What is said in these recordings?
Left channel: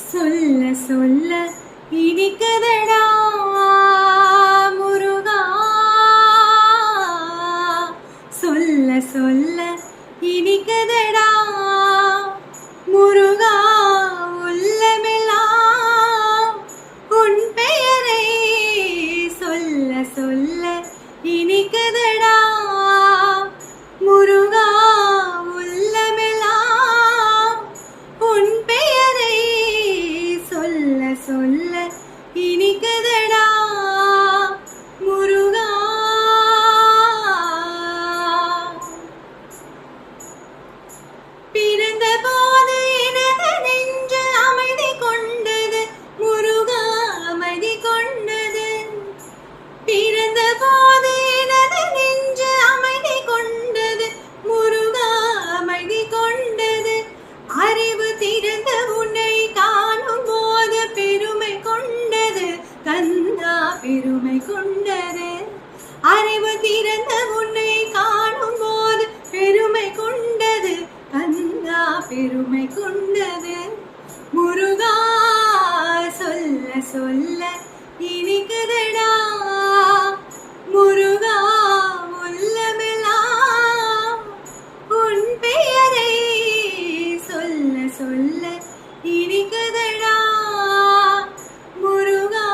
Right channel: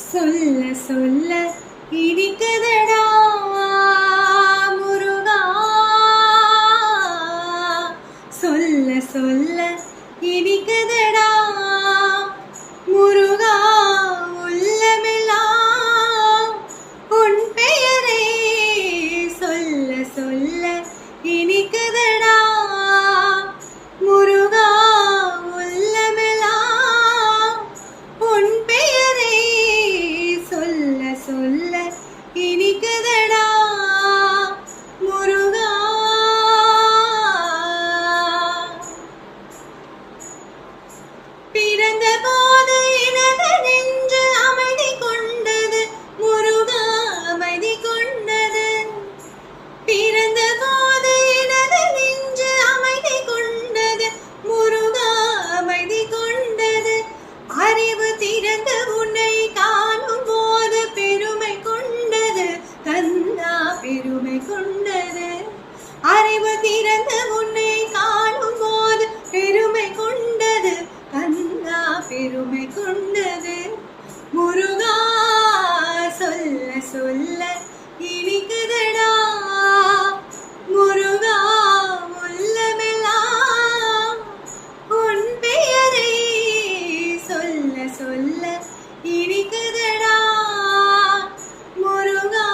சொல்ல சொல்ல இனிக்குதடா முருகா, சொல்ல சொல்ல இனிக்குதடா முருகா, உள்ளமெல்லாம் உன் பெயரை சொல்ல சொல்ல இனிக்குதடா முருகா, உள்ளமெல்லாம் உன் பெயரை சொல்ல சொல்ல இனிக்குதடா முருகா. பிறந்த போது எனது நெஞ்சு அமைதி கொண்டது முருகா, அமைதி கொண்டது. பிறந்த போது எனது நெஞ்சு அமைதி கொண்டது முருகா, அமைதி கொண்டது. அறிவு திறந்த உன்னை காணும் போது பெருமை கொண்டது கந்தா, பெருமை கொண்டது. அறிவு திறந்த உன்னை காணும் போது பெருமை கொண்டது கந்தா, பெருமை கொண்டது. முருகா, சொல்ல சொல்ல இனிக்குதடா முருகா, உள்ளமெல்லாம் உன் பெயரை சொல்ல சொல்ல இனிக்குதடா முருகா.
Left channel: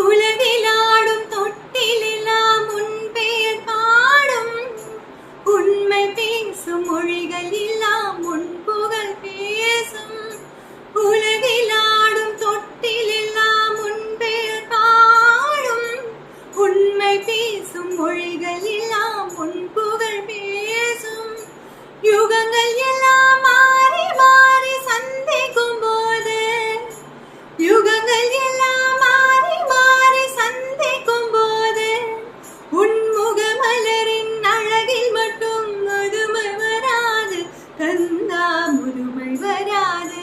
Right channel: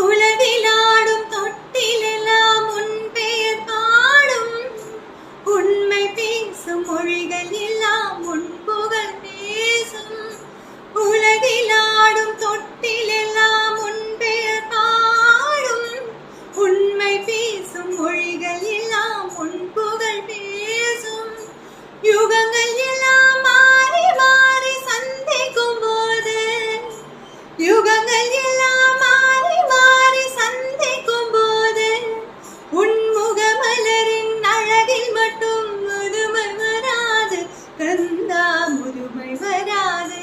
உலகிலாடும் தொட்டிலெல்லாம் உன் பெயர் பாடும், உண்மை பேசும் மொழிகள் எல்லாம் உன் புகழ் பேசும். உலகிலாடும் தொட்டிலெல்லாம் உன் பெயர் பாடும், உண்மை பேசும் மொழிகள் எல்லாம் உன் புகழ் பேசும். யுகங்கள் எல்லாம் மாறி மாறி சந்திக்கும் போது, யுகங்கள் எல்லாம் மாறி மாறி சந்திக்கும் போது, உன் முகமலரின் அழகில் மட்டும் முதுமை வராது கந்தா, முதுமை வராது.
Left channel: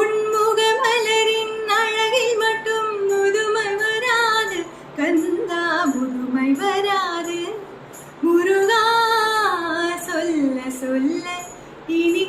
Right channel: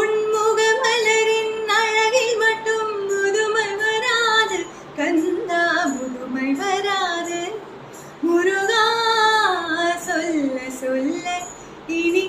உன் முகமலரின் அழகில் மட்டும் முதுமை வராது கந்தா, முதுமை வராது. முருகா, சொல்ல சொல்ல இனி